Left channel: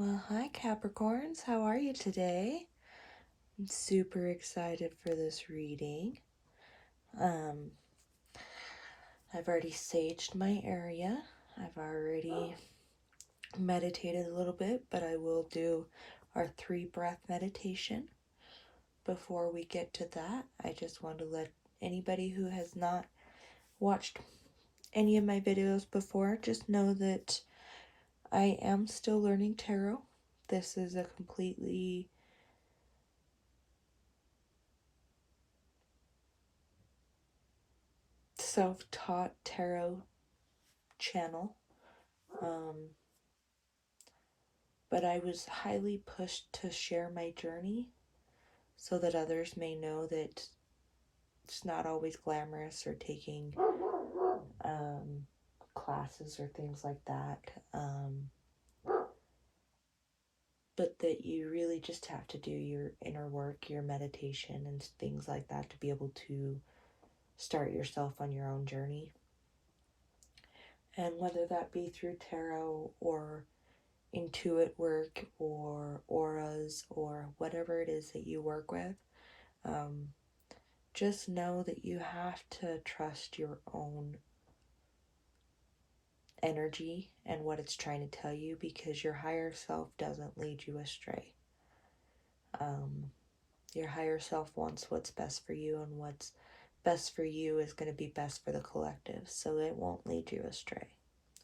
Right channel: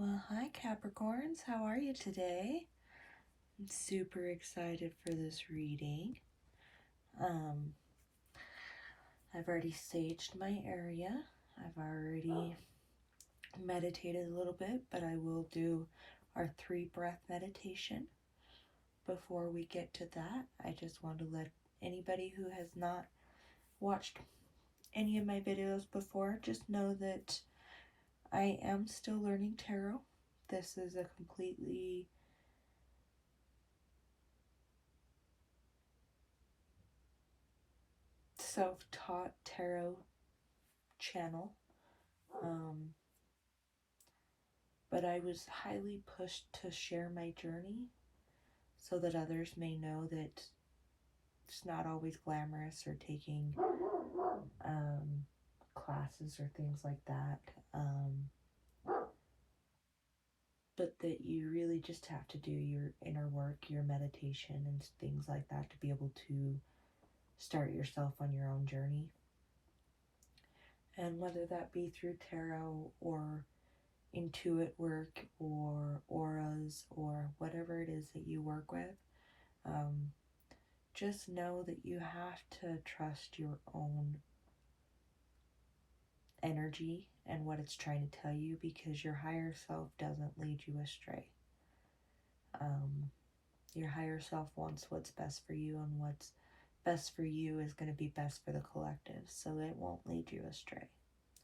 Well, hi Capricorns, how are you today? I'm super excited for this reading. I've already saged my area. I've already meditated a little bit, but I will do our 3-breath meditation. Before we get to that, I just want to let anybody who has not watched any of my videos before just know that I am still learning tarot. This is a completely self-taught tarot channel, but I was highly pushed to share my journey so that others may know that it's not always glamorous or taking classes or things like that, but that you really just have to do your inner work, your meditation and things like that to be able to start yourself on your own journey. And whether that be through tarot or intuit work or auras or whatever it is that you work with, just know that you have to trust your own energy and what it's trying to tell you, because your higher self doesn't lead you astray. Your higher self wants what's best for you, and what's best for you is going to be best for the collective, so it won't lead you astray.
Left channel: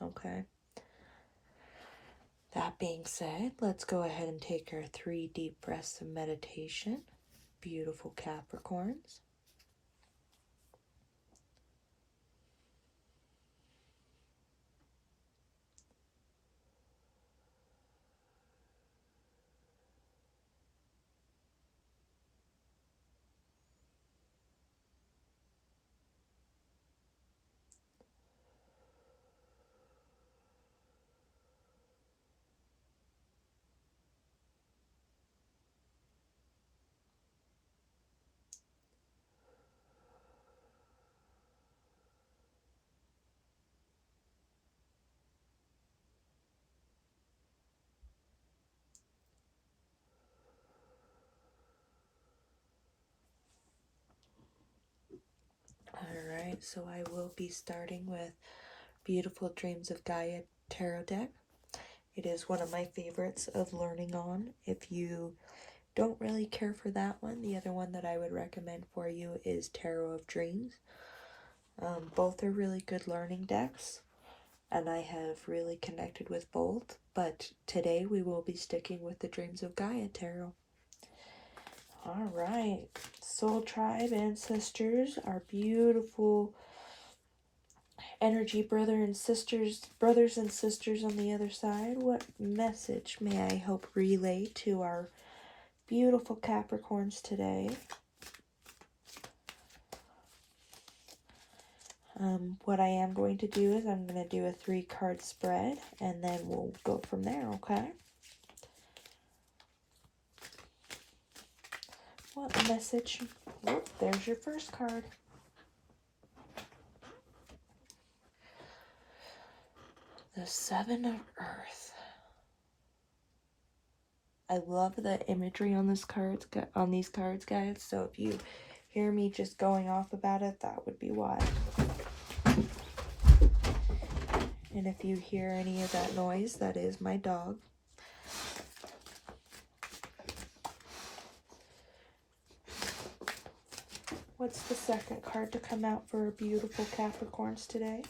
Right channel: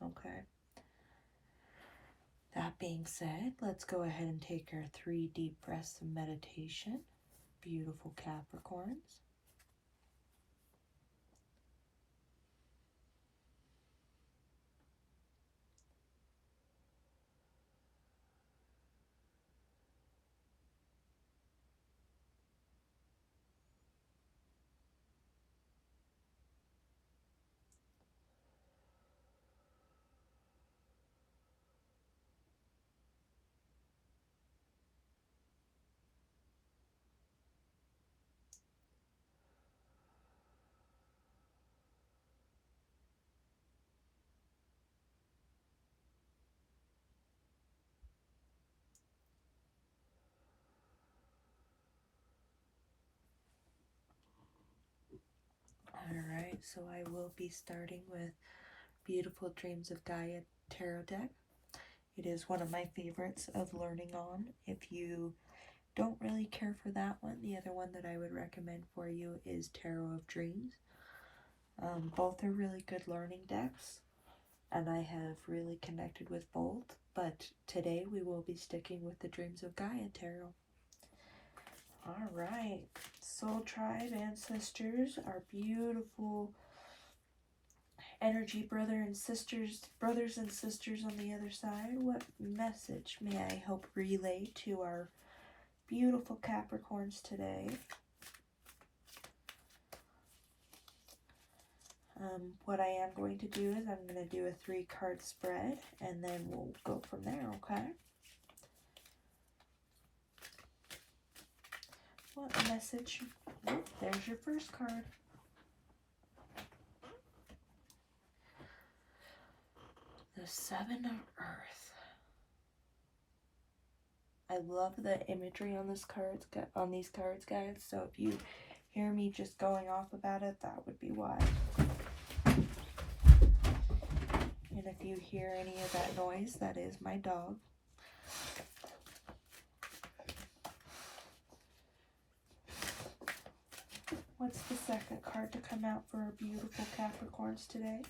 Okay? That being said, let's go ahead and take our 3 deep breaths of meditation. Beautiful Capricorns. Alright, so I will be starting with Beautiful Dreams of Gaia Tarot deck. It is one of my favorites of learning on. If you don't really care for that one, the other one that I would recommend for you is Tarot of Dreams. Both are really good learning decks, and I have really connected with both, but today we will be sticking with the Dreams of Gaia Tarot. Alright, Soul Tribe Ancestors, our beautiful energy brothers and sisters on the other side, what message may I hope relay to our beautiful Capricorns today? What I am going to do is I'm going to do a 3-card spread, and then we'll go from there, okay? What message? Oh, there's your first card. The 7 of Earth. I love the imagery on these cards, guys. So if you hear me just going off about it, that would be why. And if you hear any of that noise, that is my dog. What's the second card to come out for beautiful Capricorns today?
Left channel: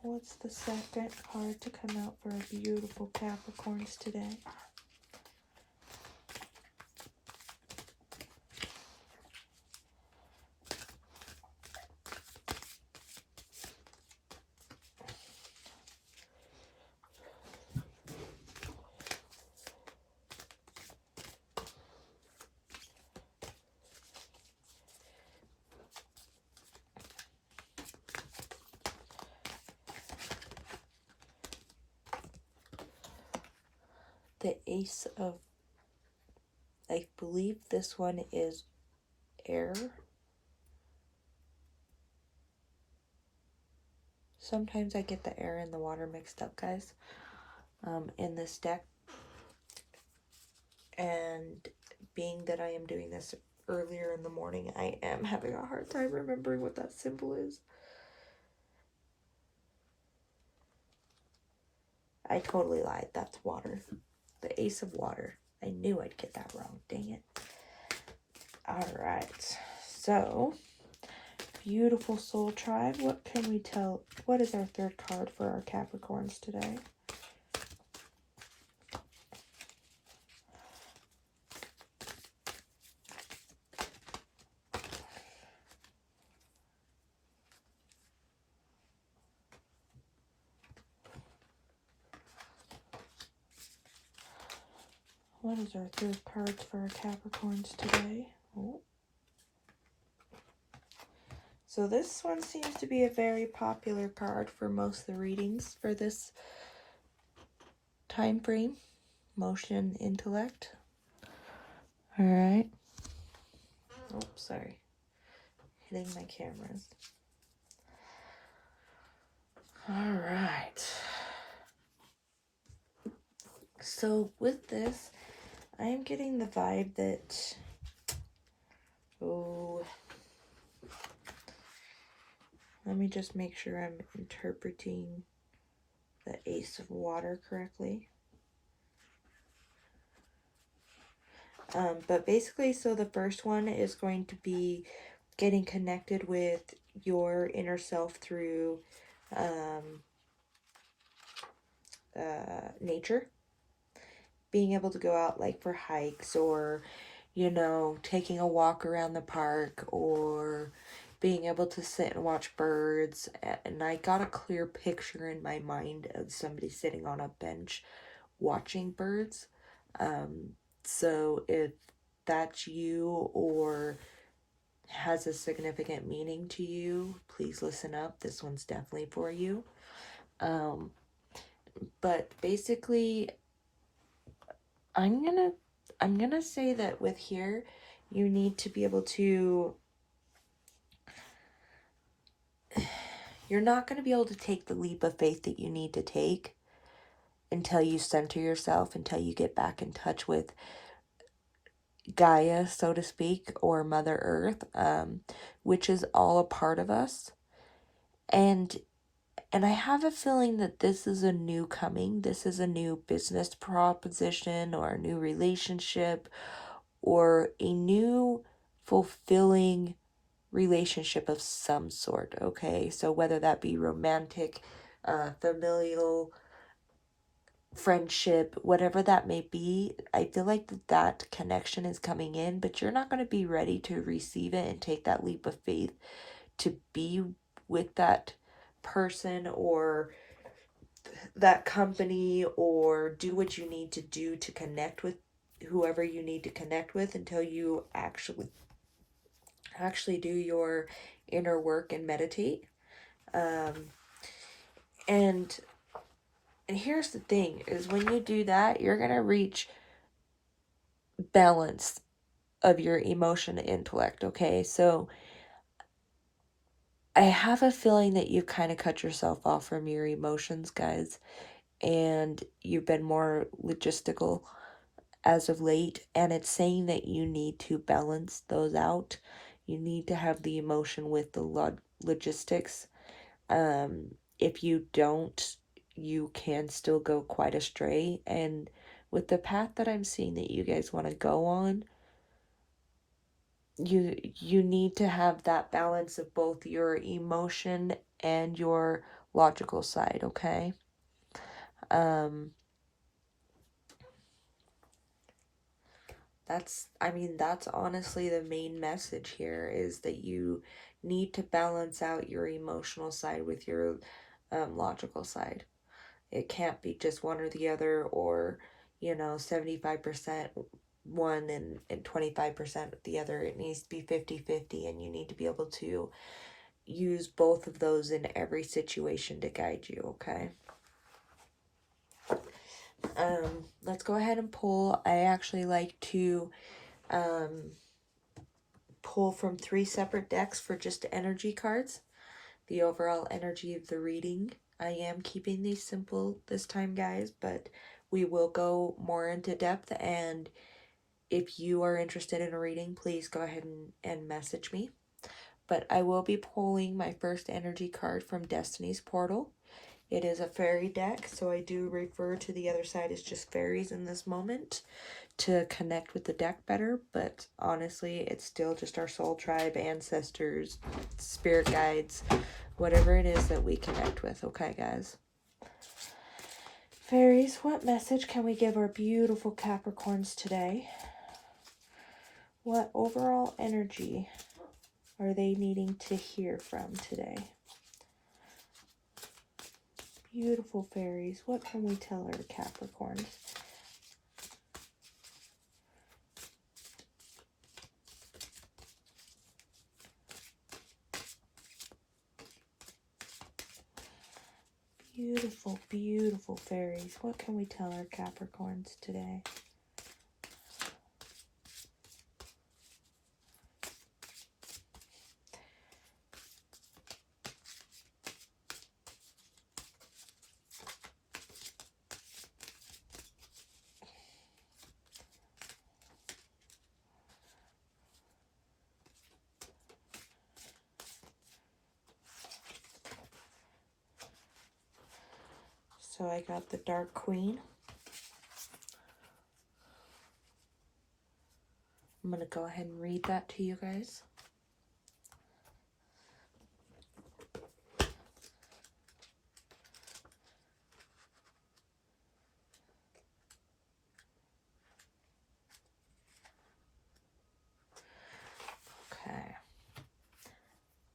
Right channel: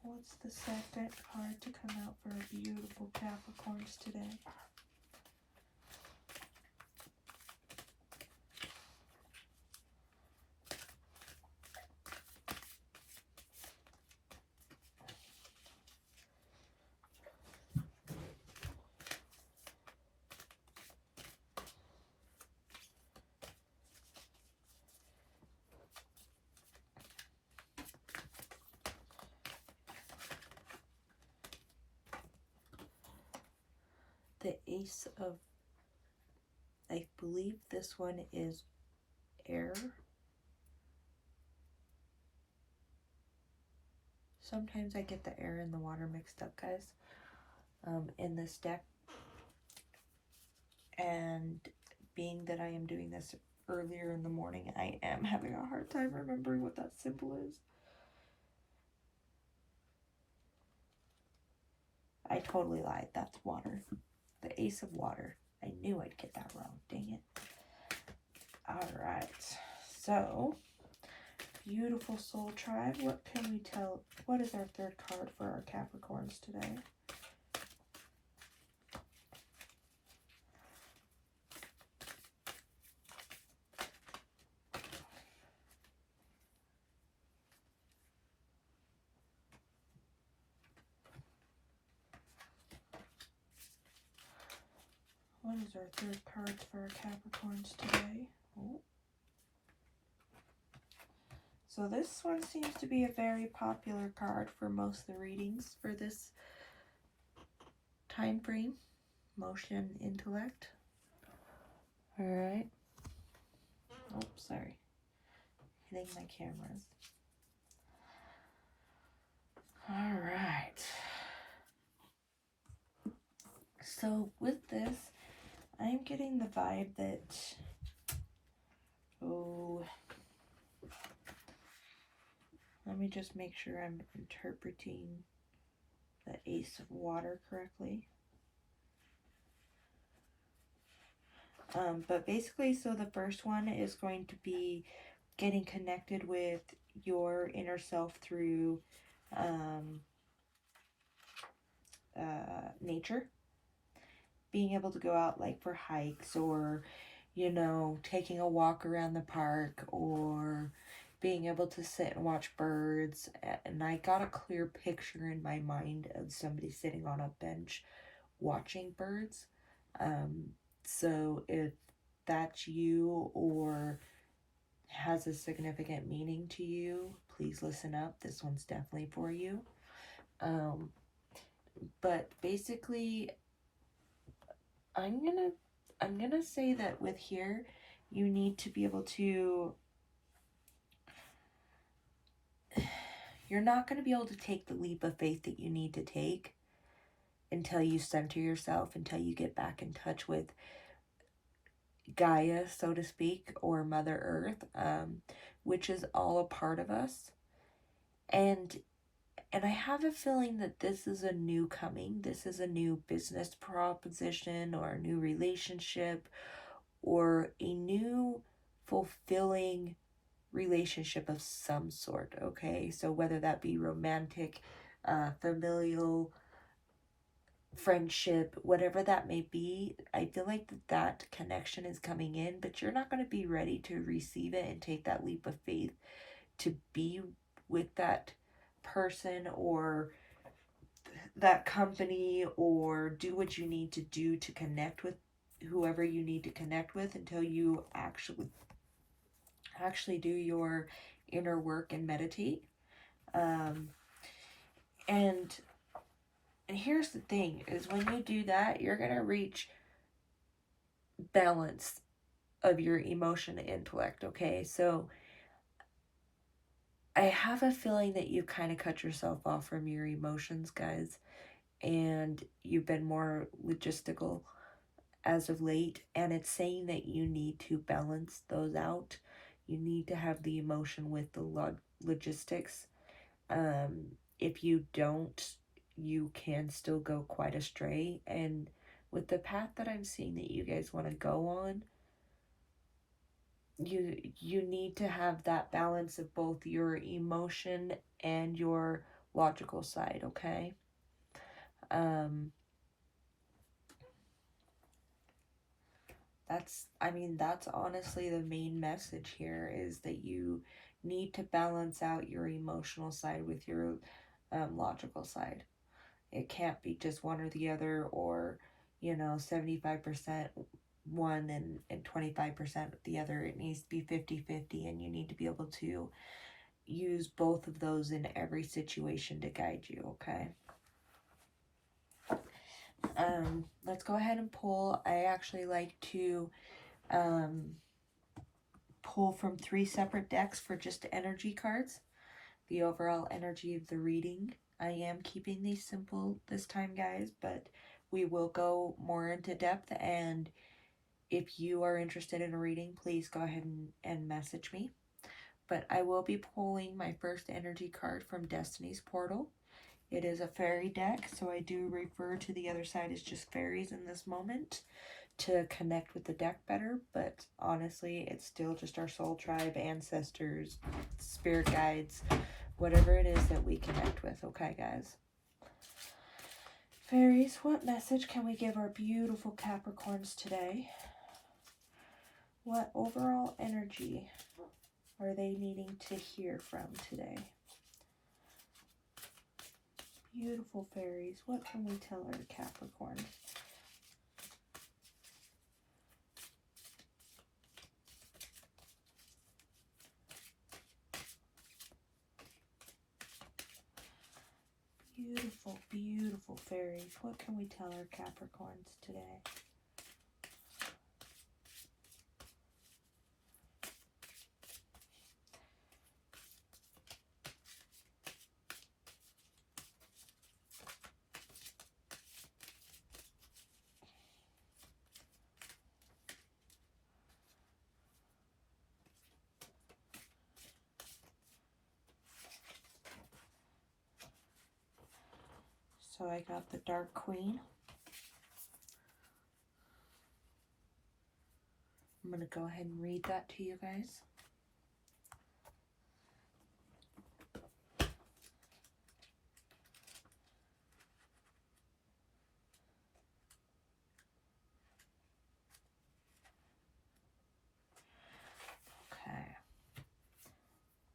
What's the second card to come out for beautiful Capricorns today? The Ace of, I believe this one is air. Sometimes I get the air and the water mixed up, guys, in this deck. And being that I am doing this earlier in the morning, I am having a hard time remembering what that symbol is. I totally lied. That's water. The Ace of Water. I knew I'd get that wrong. Dang it. Alright. So, beautiful soul tribe. What can we tell? What is our third card for our Capricorns today? What is our third card for our Capricorns today? Oh. So this one seems to be a very popular card for most of the readings for this time frame. Motion, intellect. Alright. Oh, sorry. Hitting my cameras. Alright. So with this, I am getting the vibe that, let me just make sure I'm interpreting the Ace of Water correctly. But basically, so the first one is going to be getting connected with your inner self through nature. Being able to go out like for hikes, or, you know, taking a walk around the park, or being able to sit and watch birds. And I got a clear picture in my mind of somebody sitting on a bench watching birds. So if that's you or has a significant meaning to you, please listen up. This one's definitely for you. But basically, I'm gonna say that with here, you need to be able to, you're not going to be able to take the leap of faith that you need to take until you center yourself, until you get back in touch with Gaia, so to speak, or Mother Earth, which is all a part of us. And I have a feeling that this is a new coming. This is a new business proposition, or a new relationship, or a new fulfilling relationship of some sort, okay? So whether that be romantic, familial, friendship, whatever that may be, I feel like that connection is coming in, but you're not going to be ready to receive it and take that leap of faith to be with that person or that company, or do what you need to do to connect with whoever you need to connect with, until you actually do your inner work and meditate. And here's the thing, is when you do that, you're going to reach balance of your emotion and intellect, okay? So I have a feeling that you've kind of cut yourself off from your emotions, guys, and you've been more logistical as of late, and it's saying that you need to balance those out. You need to have the emotion with the logistics. If you don't, you can still go quite astray. And with the path that I'm seeing that you guys want to go on, you need to have that balance of both your emotion and your logical side, okay? That's honestly the main message here, is that you need to balance out your emotional side with your logical side. It can't be just one or the other, or 75% one and 25% the other. It needs to be 50-50, and you need to be able to use both of those in every situation to guide you, okay? Let's go ahead and pull. I actually like to pull from 3 separate decks for just energy cards. the overall energy of the reading. I am keeping these simple this time, guys, but we will go more into depth, and if you are interested in a reading, please go ahead and message me. But I will be pulling my first energy card from Destiny's Portal. It is a fairy deck, so I do refer to the other side as just fairies in this moment to connect with the deck better, but honestly, it's still just our soul tribe, ancestors, spirit guides, whatever it is that we connect with, okay, guys? Fairies, what message can we give our beautiful Capricorns today? What overall energy are they needing to hear from today? Beautiful fairies, what can we tell our Capricorns? Beautiful, beautiful fairies, what can we tell our Capricorns today? So I got the Dark Queen. I'm going to go ahead and read that to you guys. Okay.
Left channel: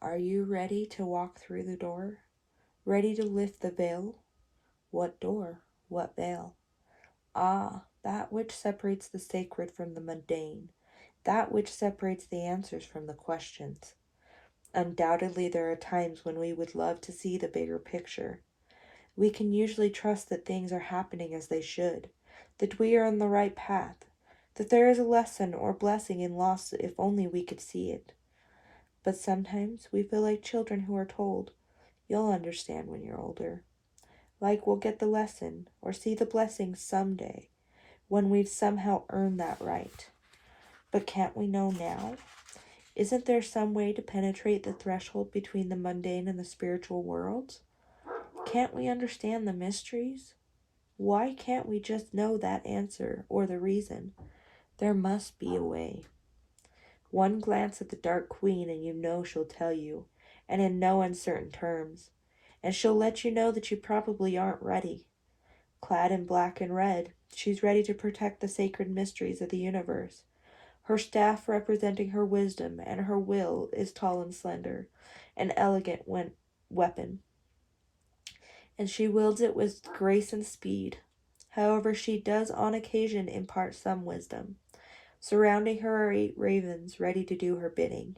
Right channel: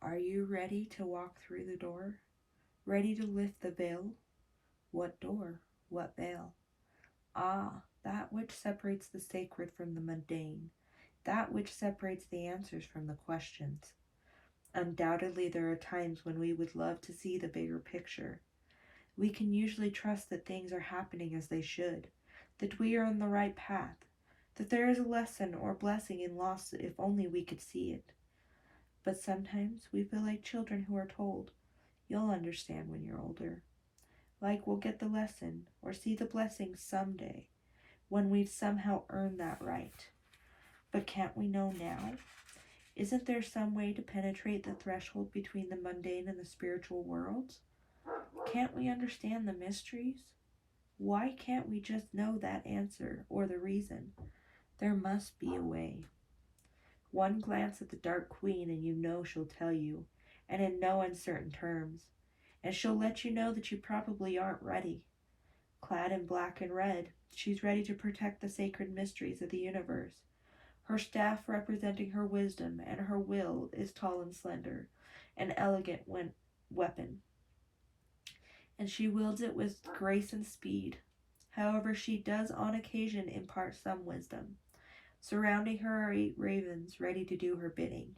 Are you ready to walk through the door? Ready to lift the veil? What door? What veil? Ah, that which separates the sacred from the mundane. That which separates the answers from the questions. Undoubtedly, there are times when we would love to see the bigger picture. We can usually trust that things are happening as they should, that we are on the right path, that there is a lesson or blessing in loss if only we could see it. But sometimes we feel like children who are told, "You'll understand when you're older." Like we'll get the lesson or see the blessing someday when we've somehow earned that right. But can't we know now? Isn't there some way to penetrate the threshold between the mundane and the spiritual worlds? Can't we understand the mysteries? Why can't we just know that answer or the reason? There must be a way. One glance at the Dark Queen and you know she'll tell you, and in no uncertain terms. And she'll let you know that you probably aren't ready. Clad in black and red, she's ready to protect the sacred mysteries of the universe. Her staff representing her wisdom, and her will is tall and slender, an elegant weapon. And she wields it with grace and speed. However, she does on occasion impart some wisdom. Surrounding her are 8 ravens ready to do her bidding.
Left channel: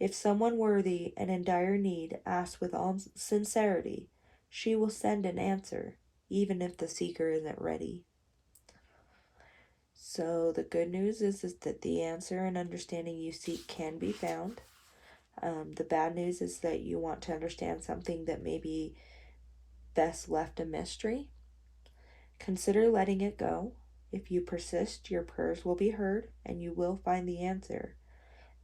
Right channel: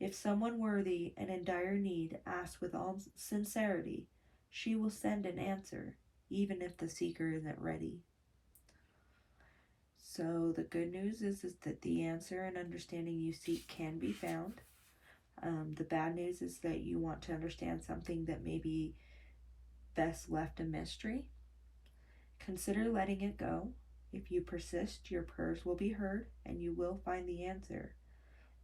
If someone worthy and in dire need asks with all sincerity, she will send an answer, even if the seeker isn't ready. So the good news is that the answer and understanding you seek can be found. The bad news is that you want to understand something that may be best left a mystery. Consider letting it go. If you persist, your prayers will be heard, and you will find the answer.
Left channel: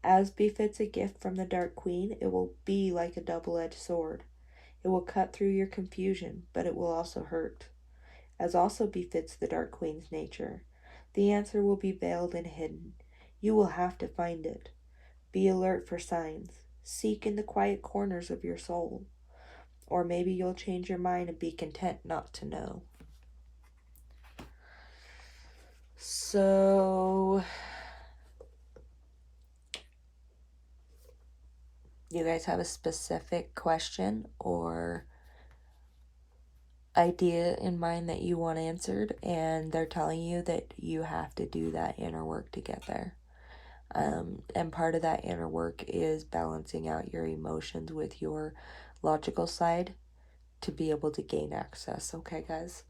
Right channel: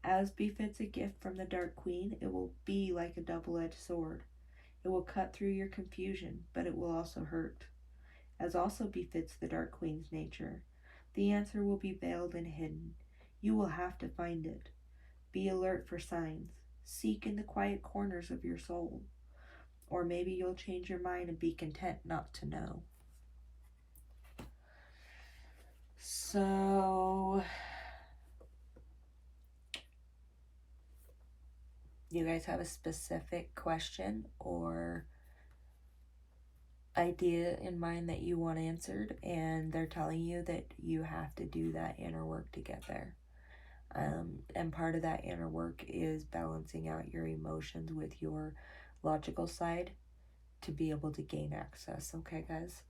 As befits a gift from the Dark Queen, it will be like a double-edged sword. It will cut through your confusion, but it will also hurt. As also befits the Dark Queen's nature, the answer will be veiled and hidden. You will have to find it. Be alert for signs. Seek in the quiet corners of your soul. Or maybe you'll change your mind and be content not to know. So, you guys have a specific question or idea in mind that you want answered, and they're telling you that you have to do that inner work to get there. And part of that inner work is balancing out your emotions with your logical side to be able to gain access. Okay, guys?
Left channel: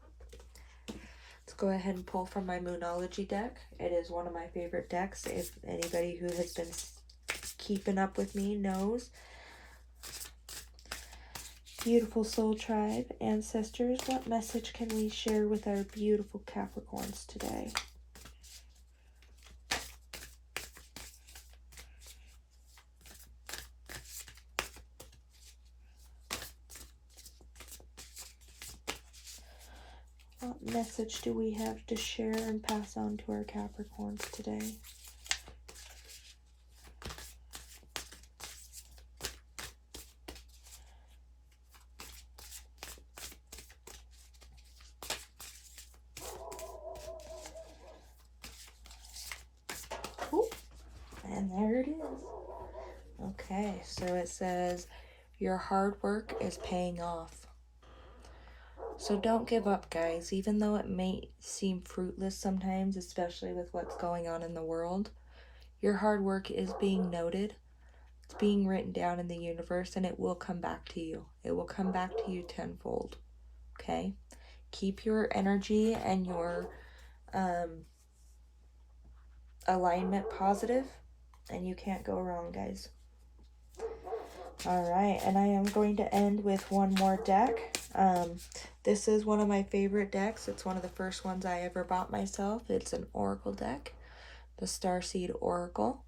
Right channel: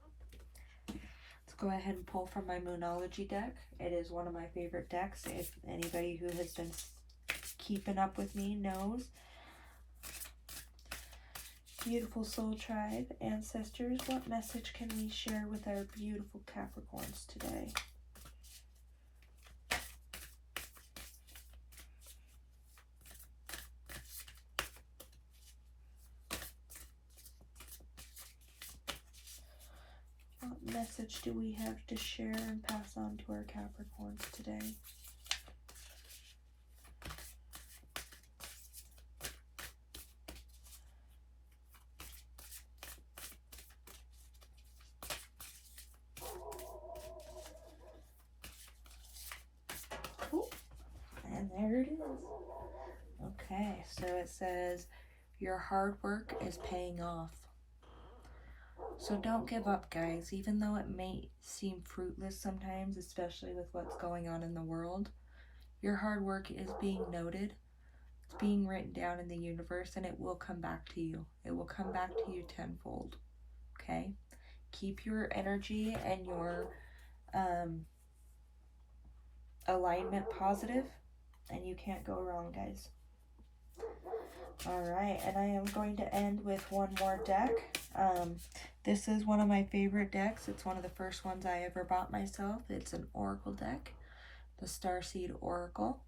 Let's go ahead and pull from my Moonology deck. It is one of my favorite decks. If anybody who has been keeping up with me knows, Beautiful soul tribe, ancestors, what message can we share with our beautiful Capricorns today? What message do we have to share and pass on to our Capricorns today? Cool. And there it is. Okay, so it says, your hard work is paying off. So don't give up, guys. Even though it may seem fruitless sometimes, especially with what's going on in the world, your hard work is being noted. It's being written down in the universe, and it will come back to you. It will come back to you tenfold. Okay? Keep your energy and your alignment positive, and you can't go wrong, guys. All right, and I am going to end with one more deck. This is one of my favorite decks. It's one of the first ones I ever bought myself. It's an Oracle deck, the Starseed Oracle.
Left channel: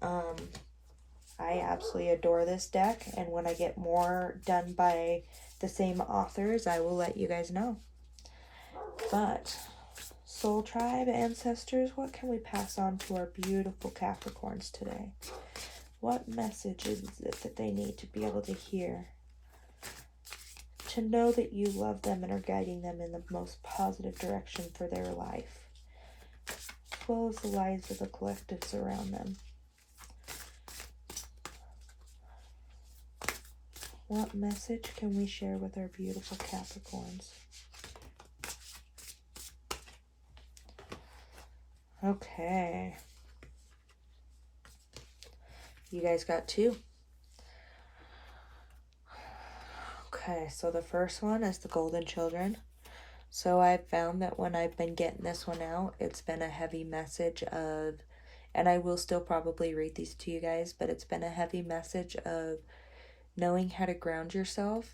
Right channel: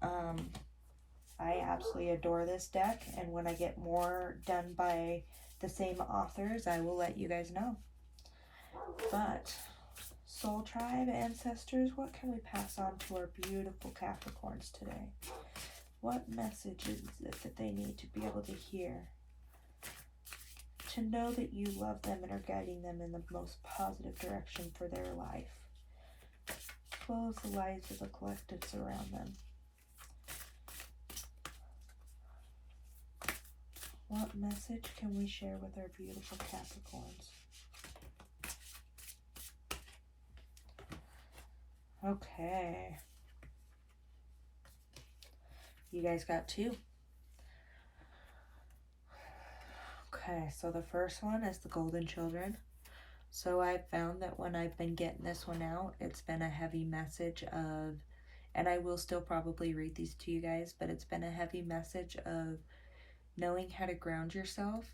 I absolutely adore this deck, and when I get more done by the same authors, I will let you guys know. But, Soul Tribe, ancestors, what can we pass on to our beautiful Capricorns today? What message is it that they need to be able to hear? To know that you love them and are guiding them in the most positive direction for their life, as well as the lives of the collectives around them. What message can we share with our beautiful Capricorns? Okay. You guys got two. Okay, so the first one is the Golden Children. So I've found that when I've been getting this one out, it's been a heavy message of, and I will still probably read these to you guys, but it's been a heavy message of knowing how to ground yourself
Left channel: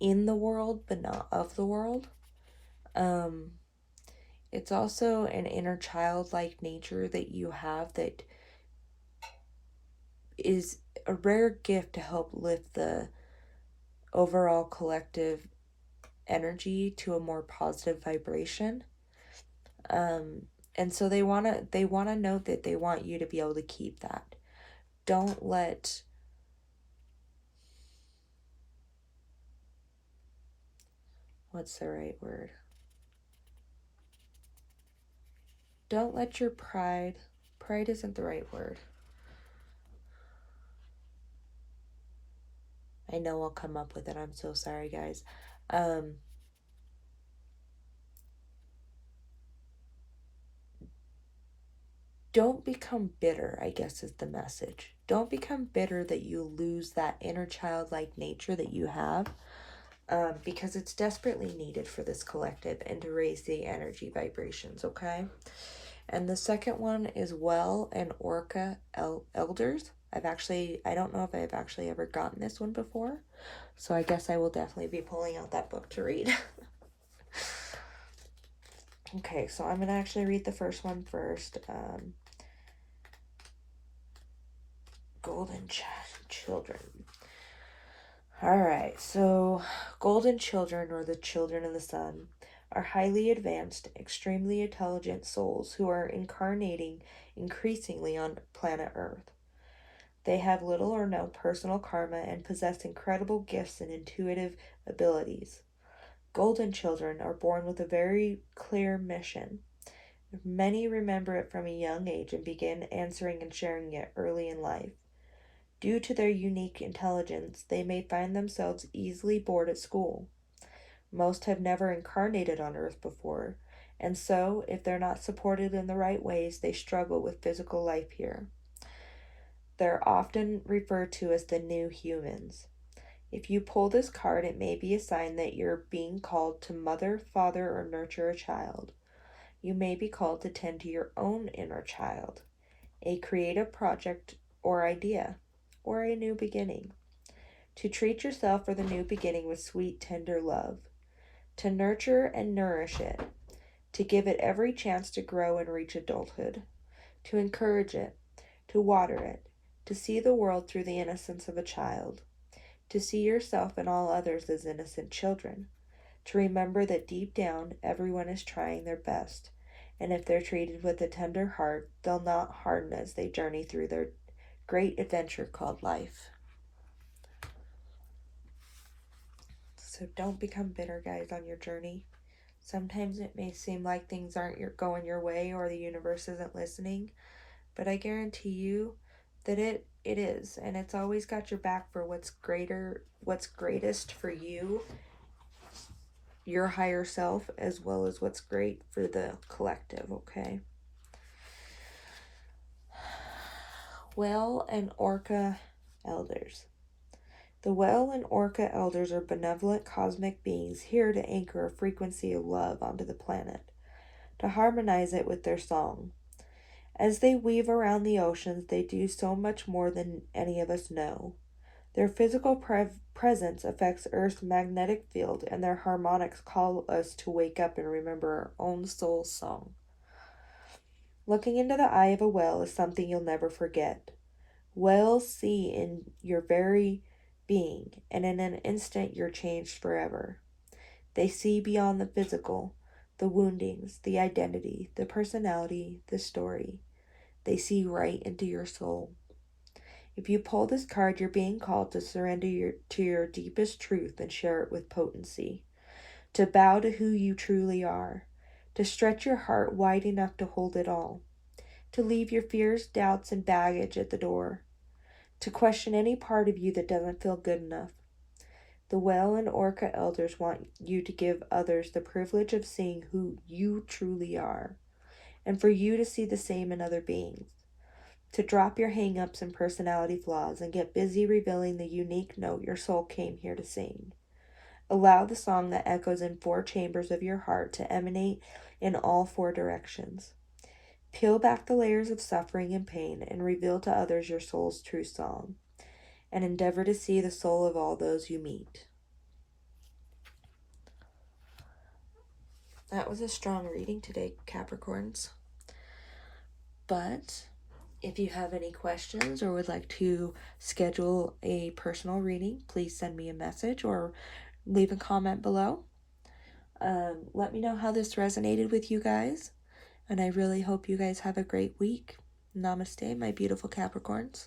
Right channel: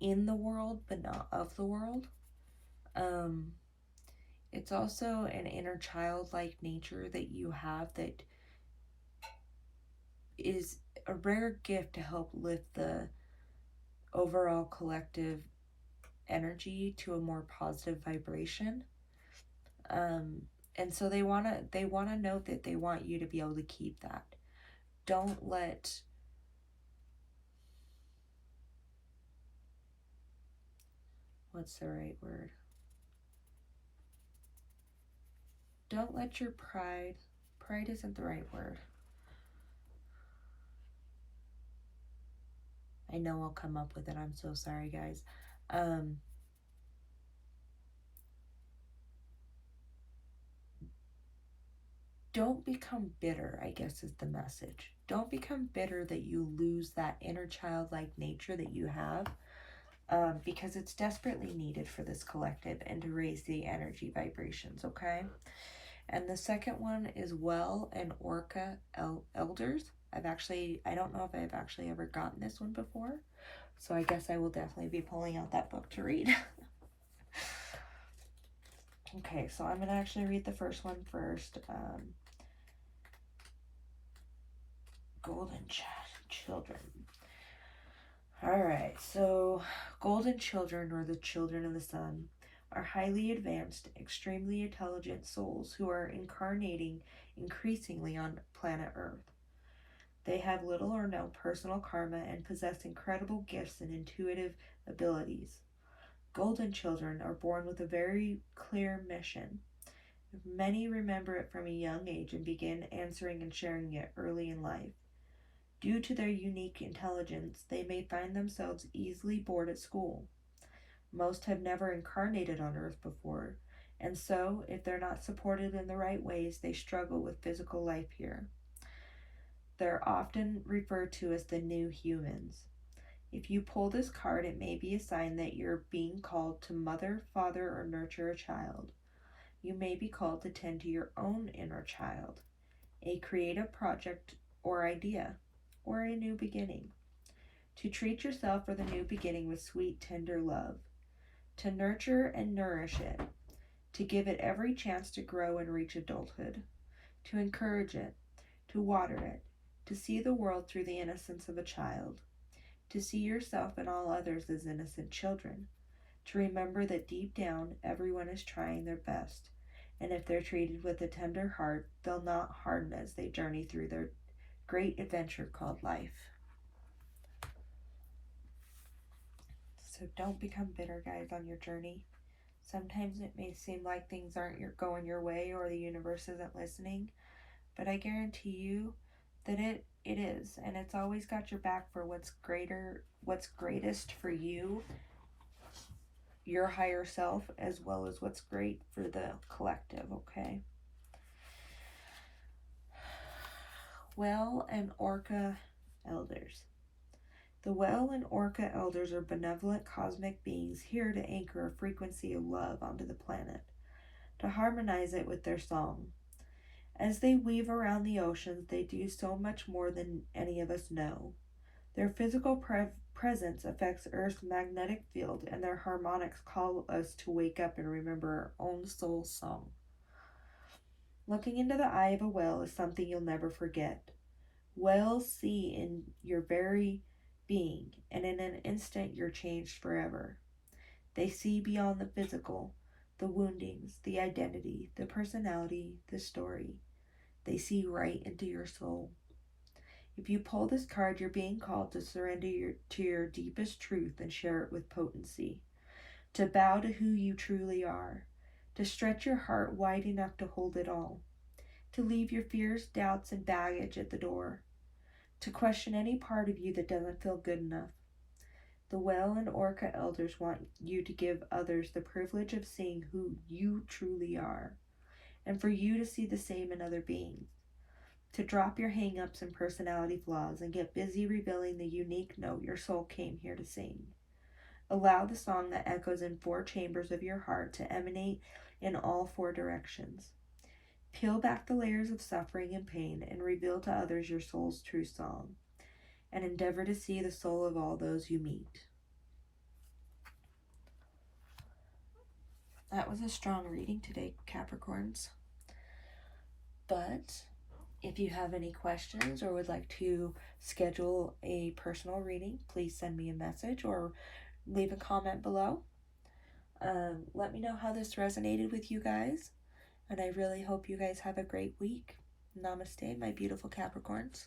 in the world, but not of the world. It's also an inner childlike nature that you have that is a rare gift to help lift the overall collective energy to a more positive vibration. And so they want to know that they want you to be able to keep that. Don't let what's the right word? Don't let your pride isn't the right word. I know I'll come up with it. I'm so sorry, guys. Don't become bitter, I guess is the message. Don't become bitter that you lose that inner childlike nature that you have, because it's desperately needed for this collective and to raise the energy vibrations, okay? And the second one is Well and Orca Elders. I don't know if I've actually ever gotten this one before, so I guess I will definitely be pulling out that book to read. Okay, so I'm going to actually read the first one first. Golden Children. Alright, so Golden Children, or the Children of the Sun, are highly advanced, extremely intelligent souls who are incarnating increasingly on planet Earth. They have little or no personal karma and possess incredible gifts and intuitive abilities. Golden Children are born with a very clear mission. Many remember it from a young age and begin answering and sharing it early in life. Due to their unique intelligence, they may find themselves easily bored at school. Most have never incarnated on Earth before, and so, if they're not supported in the right ways, they struggle with physical life here. They're often referred to as the new humans. If you pull this card, it may be a sign that you're being called to mother, father, or nurture a child. You may be called to tend to your own inner child, a creative project or idea, or a new beginning. to treat yourself for the new beginning with sweet, tender love, to nurture and nourish it, to give it every chance to grow and reach adulthood, to encourage it, to water it, to see the world through the innocence of a child, to see yourself and all others as innocent children, to remember that deep down everyone is trying their best, and if they're treated with a tender heart, they'll not harden as they journey through their great adventure called life. So don't become bitter, guys, on your journey. Sometimes it may seem like things aren't going your way or the universe isn't listening, but I guarantee you that it is, and it's always got your back for what's greatest for you, your higher self, as well as what's great for the collective, okay? Well and Orca Elders. The Well and Orca Elders are benevolent cosmic beings here to anchor a frequency of love onto the planet, to harmonize it with their song. As they weave around the oceans, they do so much more than any of us know. Their physical presence affects Earth's magnetic field, and their harmonics call us to wake up and remember our own soul's song. Looking into the eye of a whale is something you'll never forget. Whales see in your very being, and in an instant you're changed forever. They see beyond the physical, the woundings, the identity, the personality, the story. They see right into your soul. If you pull this card, you're being called to surrender to your deepest truth and share it with potency, to bow to who you truly are, to stretch your heart wide enough to hold it all, to leave your fears, doubts, and baggage at the door, to question any part of you that doesn't feel good enough. The Whale and Orca Elders want you to give others the privilege of seeing who you truly are, and for you to see the same in other beings, to drop your hang-ups and personality flaws and get busy revealing the unique note your soul came here to sing. Allow the song that echoes in 4 chambers of your heart to emanate in all 4 directions. Peel back the layers of suffering and pain and reveal to others your soul's true song, and endeavor to see the soul of all those you meet. That was a strong reading today, Capricorns. But if you have any questions or would like to schedule a personal reading, please send me a message or leave a comment below. Let me know how this resonated with you guys, and I really hope you guys have a great week. Namaste, my beautiful Capricorns.